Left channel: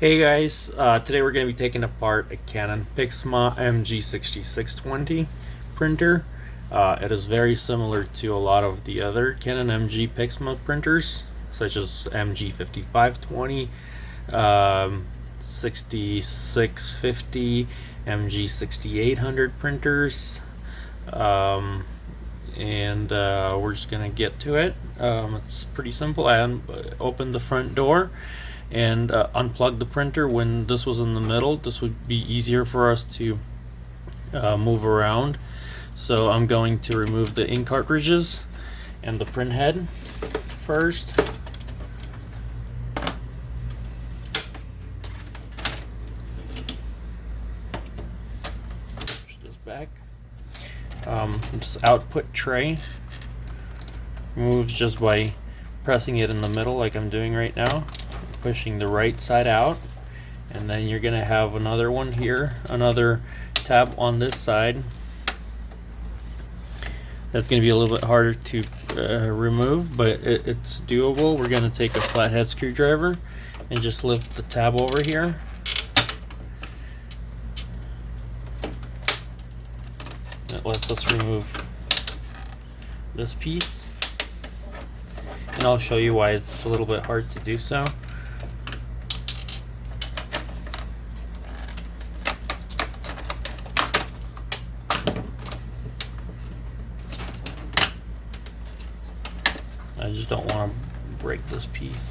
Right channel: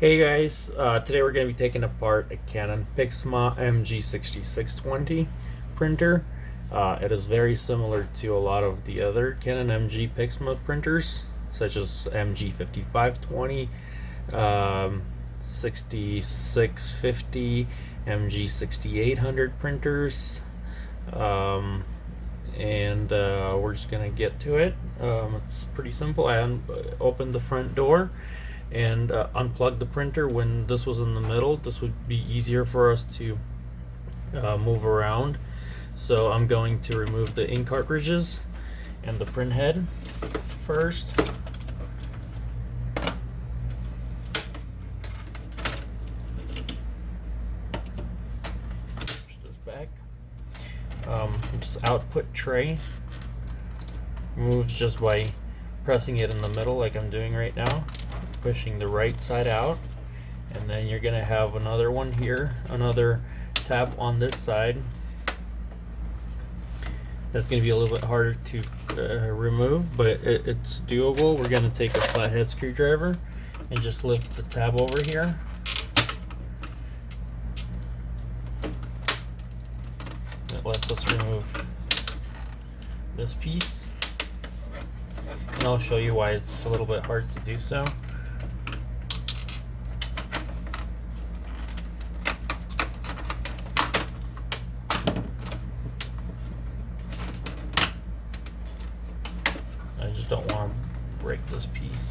Hey guys, today we're going to be taking apart a Canon Pixma MG6620 printer. It is very similar to a lot of the other Canon MG Pixma printers, such as MG5520, 6650, MG6800 printers, and we're just going to get to it. It's pretty simple. I opened the front door and unplug the printer when this was in the middle. This would be easier for us to move around. So I'm going to remove the ink cartridges and the print head first. Push this back. This output tray moves just by pressing it in the middle like I'm doing right now, pushing the right side out, and then you're gonna have another one here, another tab on this side. That's gonna be a little bit harder to remove, but it's doable. We're gonna take a flathead screwdriver and just lift the tab over here. That lets us remove this piece, and I'll show you why it's a little bit hard to do so. I just don't want to break this piece.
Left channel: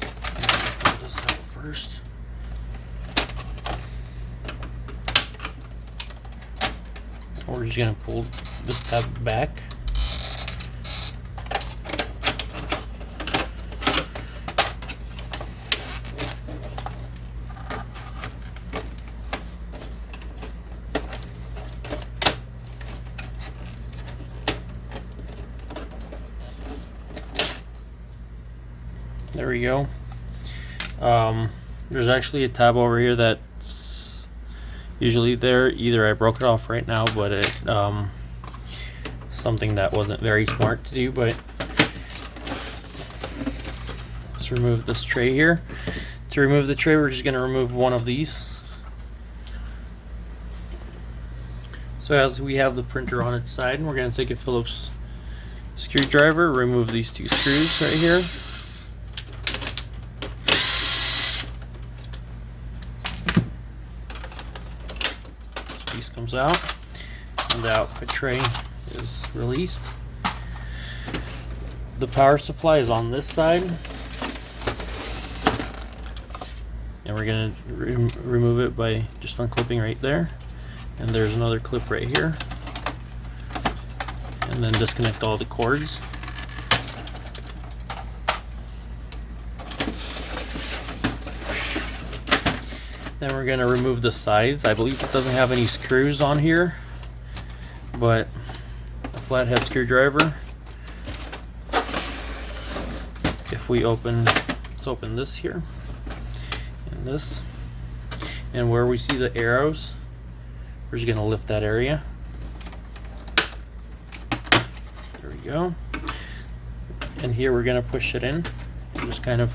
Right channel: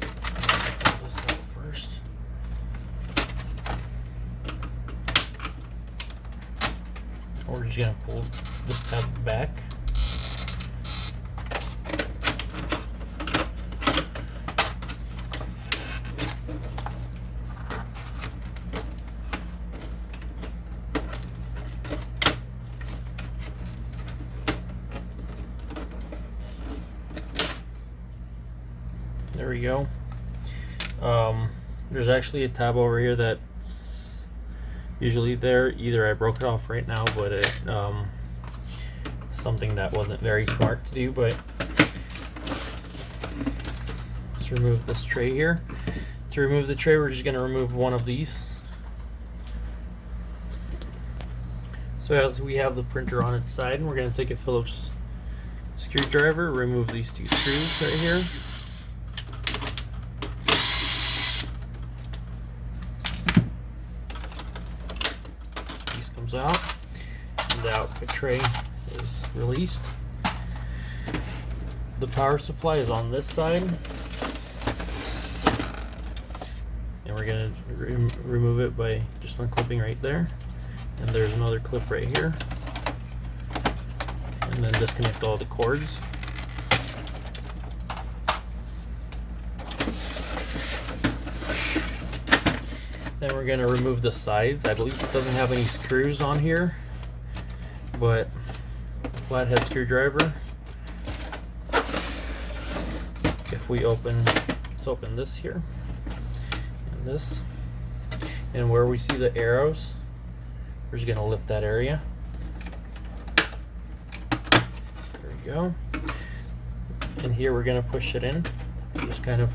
Pull this out first. We're just going to pull this tab back. There we go. There's actually a tab over here that's usually there. Either I broke it off right now, but it something that wasn't very smart to do. But let's remove this tray here. To remove the tray, we're just going to remove one of these. So as we have the printer on its side, we're going to take a Phillips screwdriver, remove these two screws right here. Comes out, and the output tray is released. The power supply is on this side, and we're going to remove it by just unclipping right there. And there's another clip right here, and then disconnect all the cords. Then we're going to remove the sides. I believe it doesn't have any screws on here, but a flathead screwdriver. If we let's open this here, and this, and where we see the arrows, we're just going to lift that area. There we go. And here we're going to push it in, just kind of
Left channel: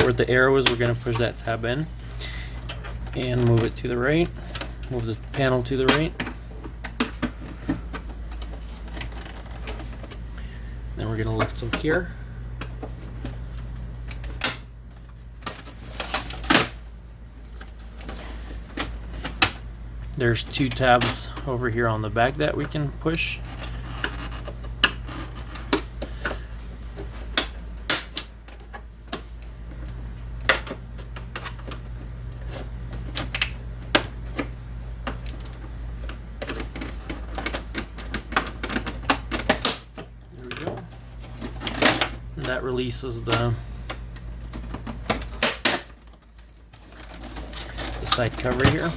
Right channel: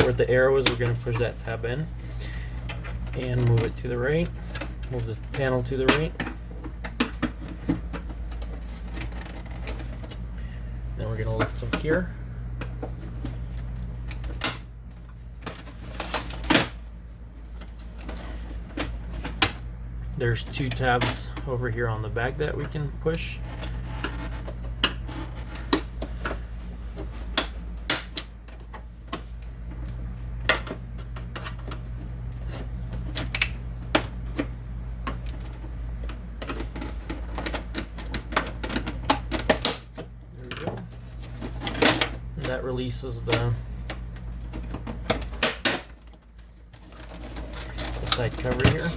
where the arrow is. We're going to push that tab in and move it to the right, move the panel to the right. Then we're going to lift some here. There's two tabs over here on the back that we can push. That releases the side cover here.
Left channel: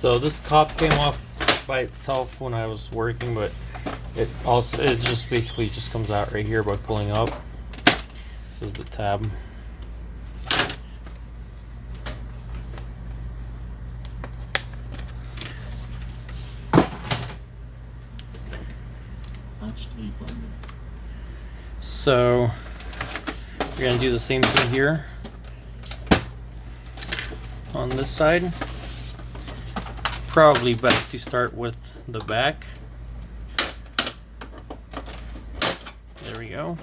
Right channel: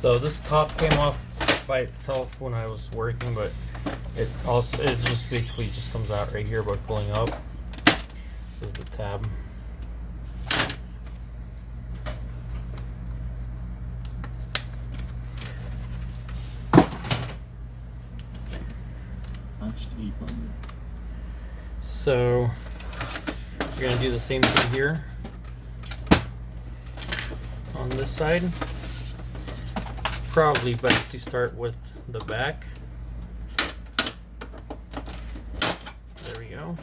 So this top came off by itself when I was working, but it just basically just comes out right here by pulling up. This is the tab. So we're going to do the same thing here on this side. Probably best to start with the back. There we go.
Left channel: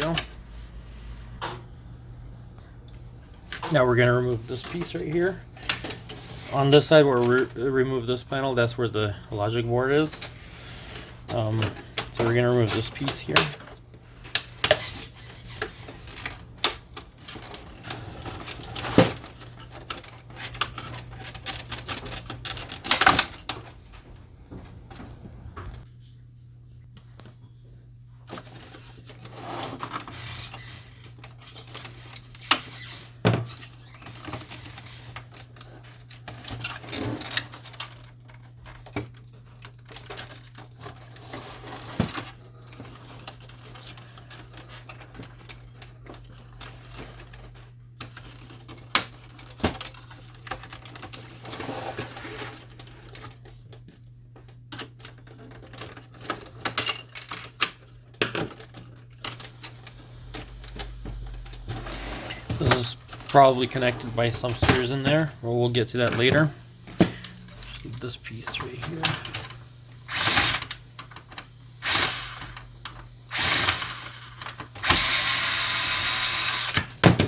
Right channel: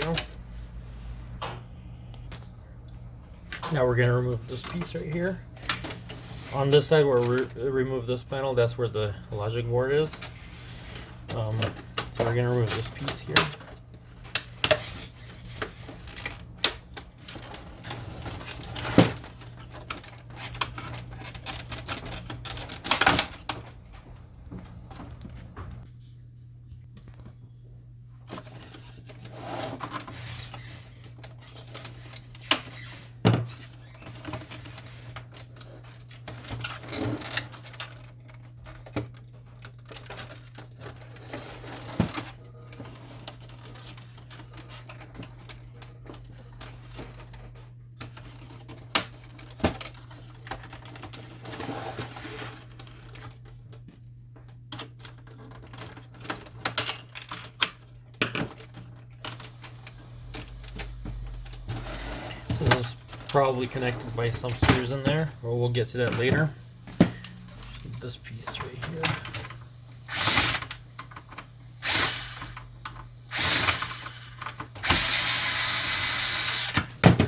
Go. Now we're going to remove this piece right here. On this side, we'll remove this panel. That's where the logic board is. So we're going to remove this piece here. This is probably connected by some screws in there. Well, we'll get to that later. This piece right here.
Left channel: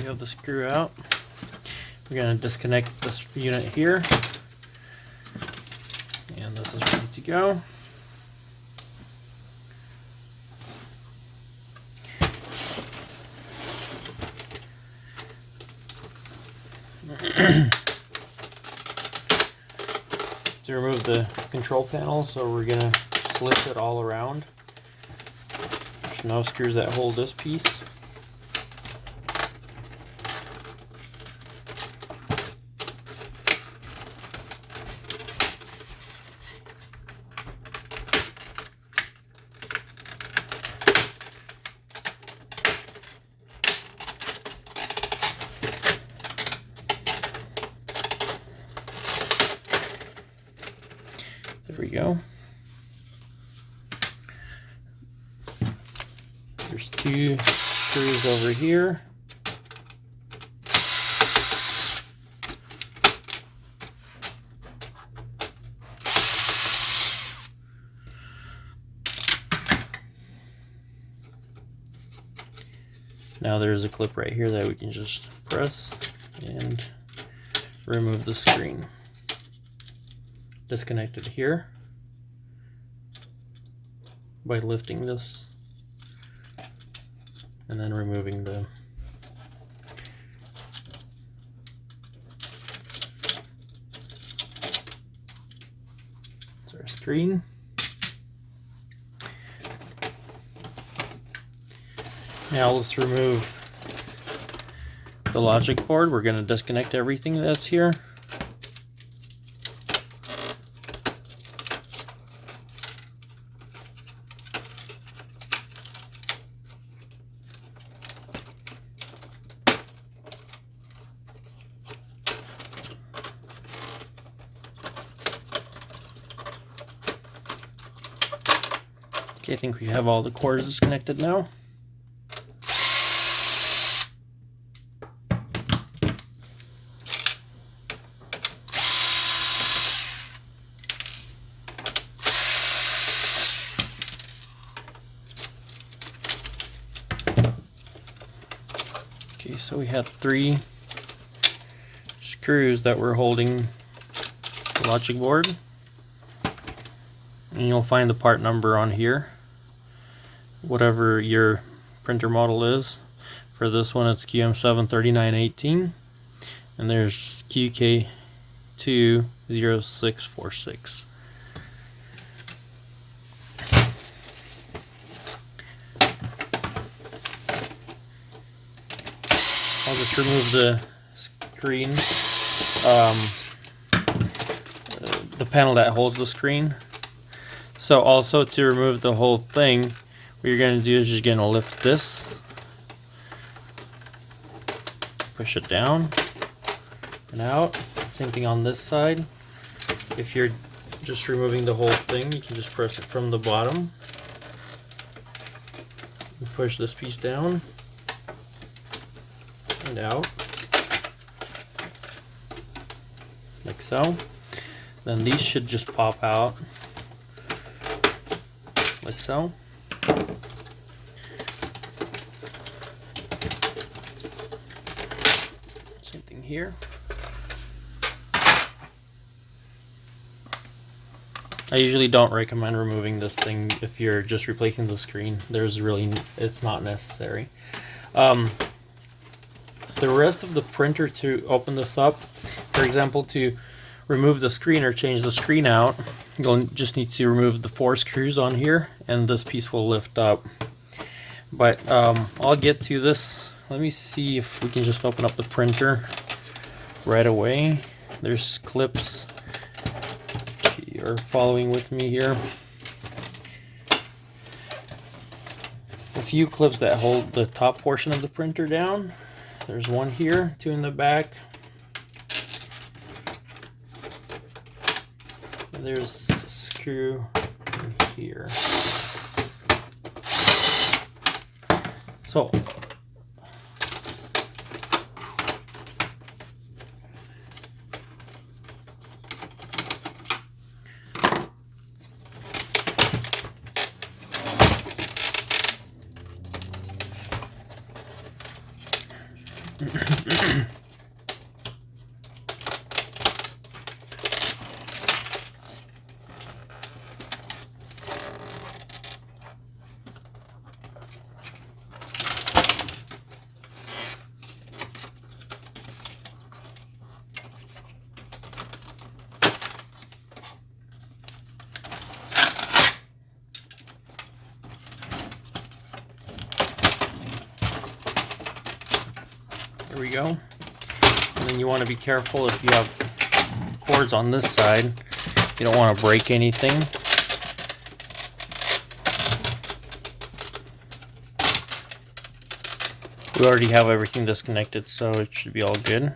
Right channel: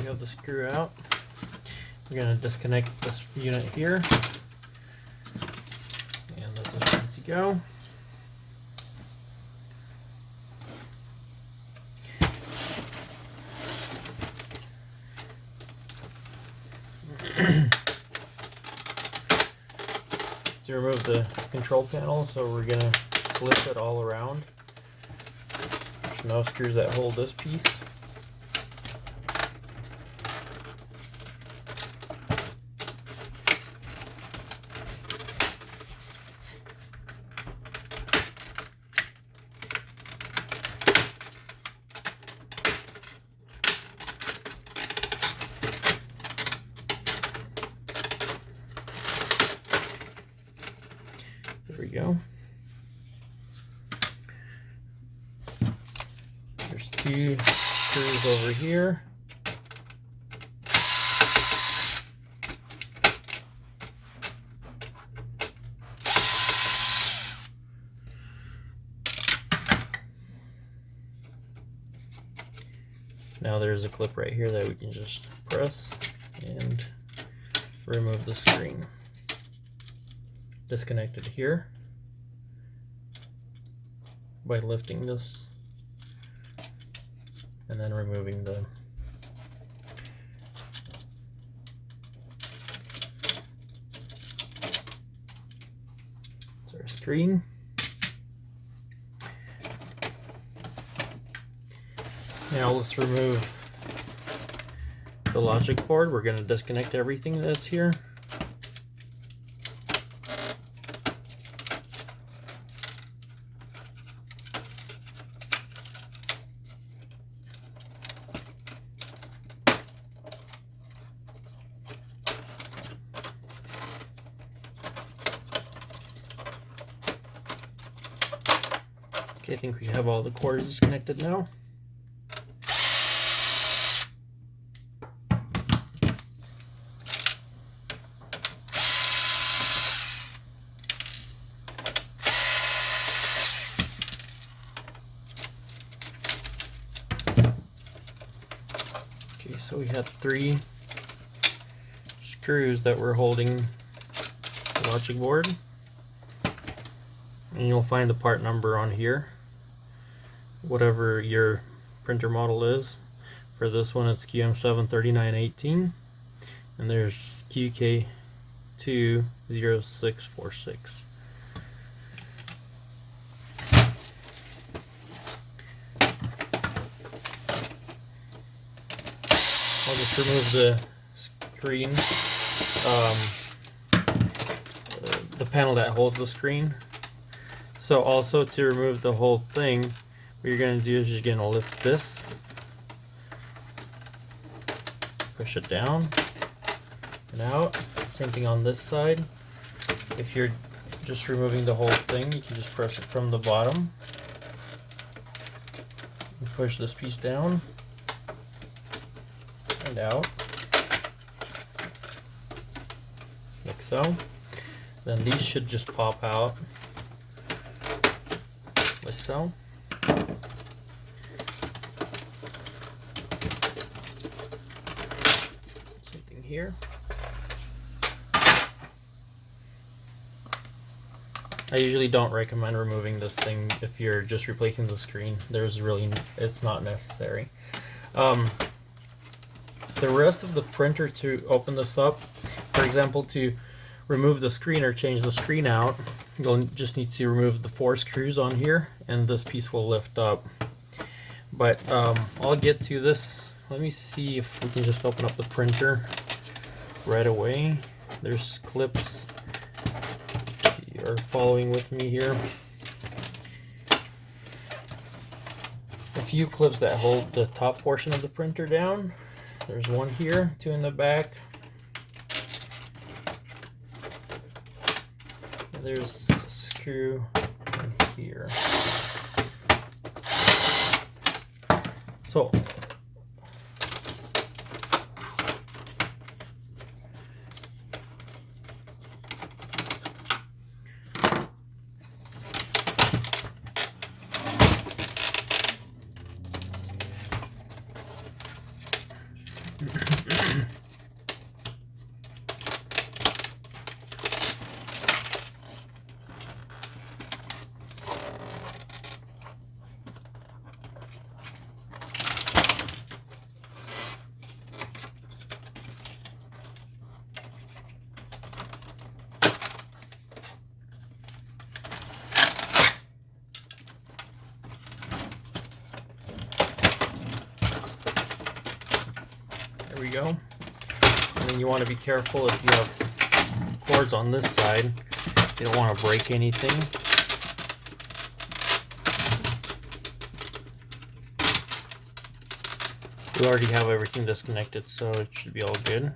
We have the screw out. We're going to disconnect this unit here. And this is ready to go. To remove the control panel, so we're going to slip it all around. There's no screws that hold this piece. There we go. There's two screws over here. Now there's a clip right here that we can just press and remove the screen. Disconnect it here by lifting this and then removing the our screen. Now let's remove the logic board. We're going to disconnect everything that's here. Okay, I think we have all the cords disconnected now. Okay, So we had 3 screws that were holding the logic board, and you'll find the part number on here, whatever your printer model is. For this one it's QM73918, and there's QK20646. I'll just remove the screen, the panel that holds the screen. So also, to remove the whole thing, what you're going to do is you're going to lift this, push it down and out. Same thing on this side. If you're just removing the whole thing, you can just press it from the bottom and push this piece down and out, like so. Then these should just pop out, like so. Same thing here. I usually don't recommend removing this thing if you're just replacing the screen. It's not necessary. The rest of the printer, to open this up, for example, to remove the screen or change the screen out, you'll just need to remove the 4 screws on here, and this piece will lift up. But I'll get to this. Let me see if we can just open up the printer right away. There's clips, if you're following with me here. A few clips that hold the top portion of the printer down. There's one here, 2 in the back. And there's a screw in here. So there we go. And then you want to be careful if you have cords on this side. You don't want to break anything. We already have everything disconnected, so it should be all good.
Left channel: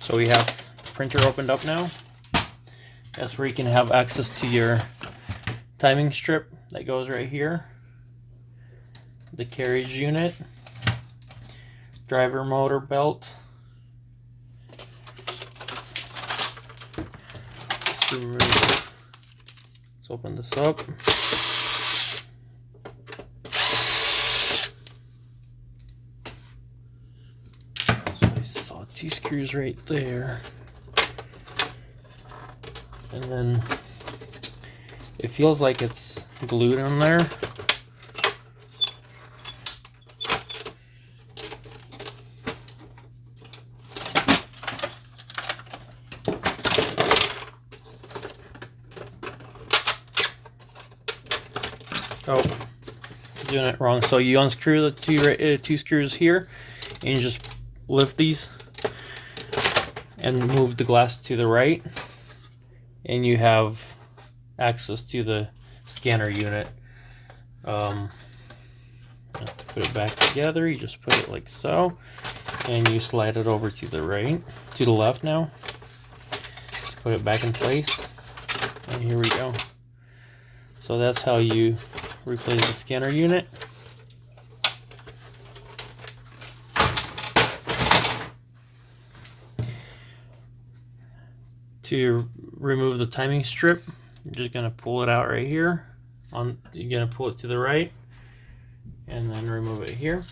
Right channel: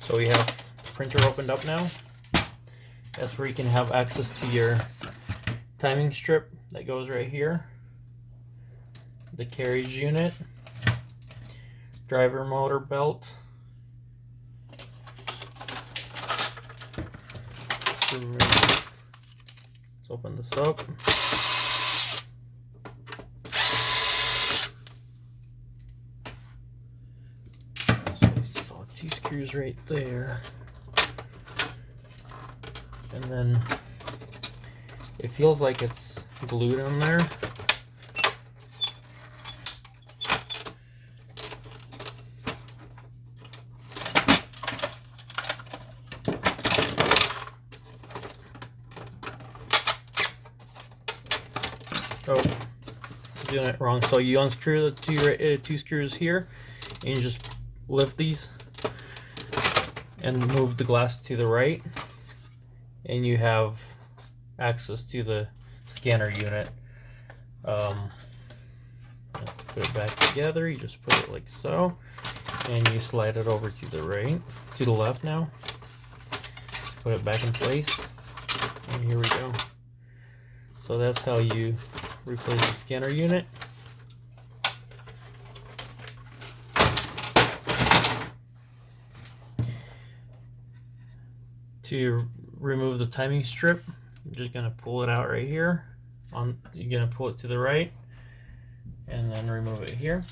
So we have the printer opened up now. That's where you can have access to your timing strip that goes right here, the carriage unit, driver motor belt. Let's open this up. So I saw 2 screws right there. And then it feels like it's glued in there. Oh, doing it wrong. So you unscrew the 2 screws here, and you just lift these and move the glass to the right, and you have access to the scanner unit. To put it back together, you just put it like so, and you slide it over to the left now. Let's put it back in place, and here we go. So that's how you replace the scanner unit. To remove the timing strip, you're just going to pull it out right here. You're going to pull it to the right and then remove it here.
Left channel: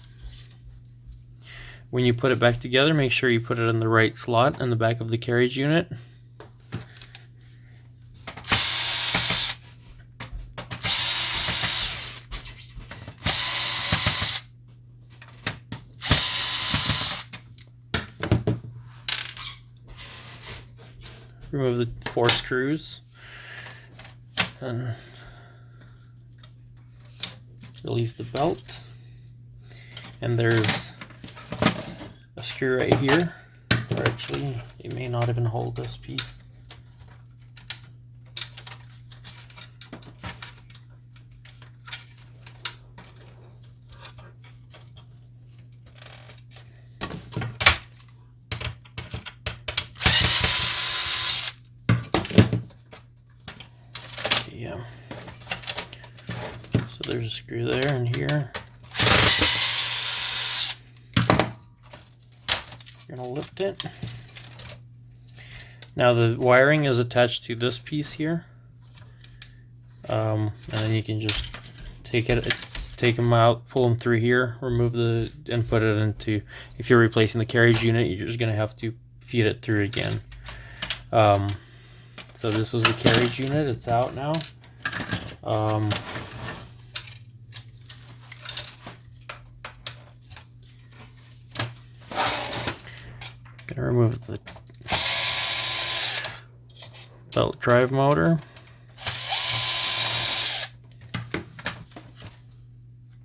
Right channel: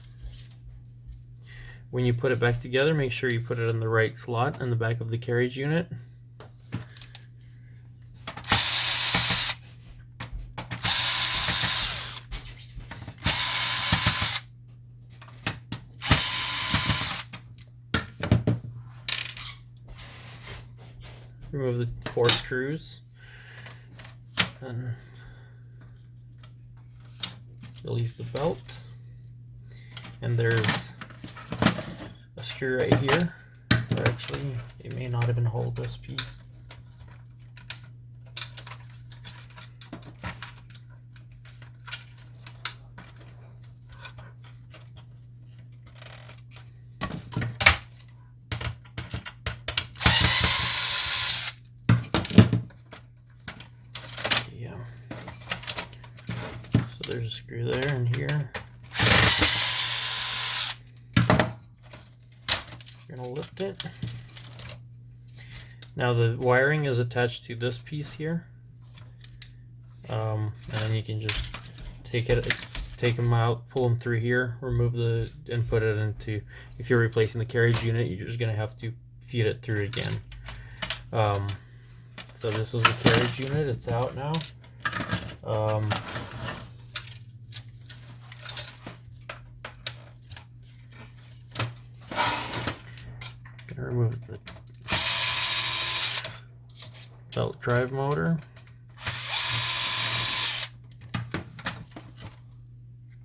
When you put it back together, make sure you put it in the right slot in the back of the carriage unit. Remove the 4 screws and release the belt. And there's a screw right here, or actually it may not even hold this piece. Yeah. So there's a screw there and here. You're gonna lift it. Now the wiring is attached to this piece here, and then you can just take them out, pull them through here, remove and put it into. If you're replacing the carriage unit, you're just gonna have to feed it through again. So this is the carriage unit. It's out now. Gonna remove the belt drive motor.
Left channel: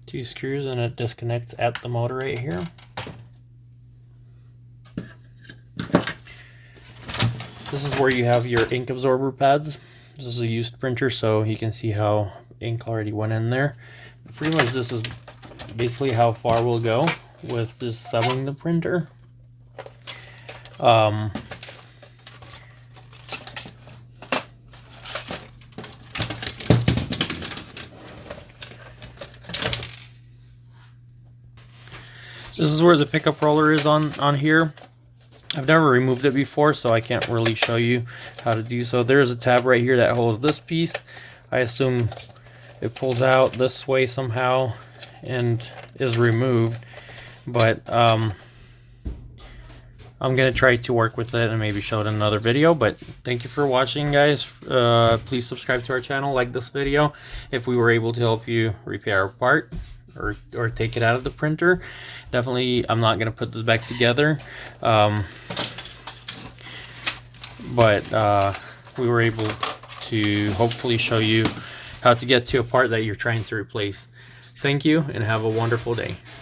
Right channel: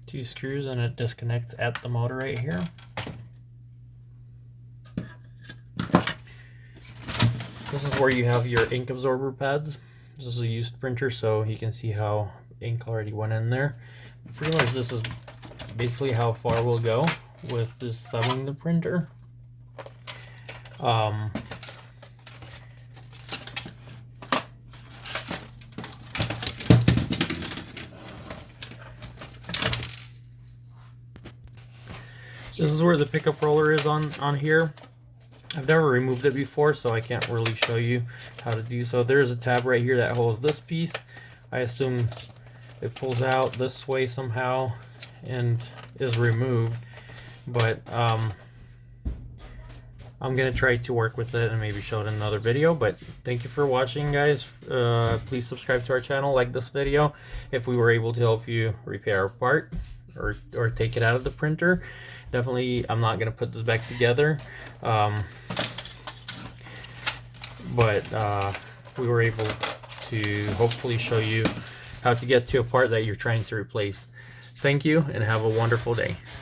2 screws, and it disconnects at the motor right here. This is where you have your ink absorber pads. This is a used printer, so you can see how ink already went in there. But pretty much this is basically how far we'll go with disassembling the printer. This is where the pickup roller is on here. I've never removed it before, so I can't really show you how to do so. There's a tab right here that holds this piece. I assume it pulls out this way somehow and is removed, but I'm gonna try to work with it and maybe show it in another video. But thank you for watching, guys. Please subscribe to our channel, like this video if we were able to help you repair a part or take it out of the printer. Definitely, I'm not gonna put this back together, but we were able to hopefully show you how to get to a part that you're trying to replace. Thank you and have a wonderful day.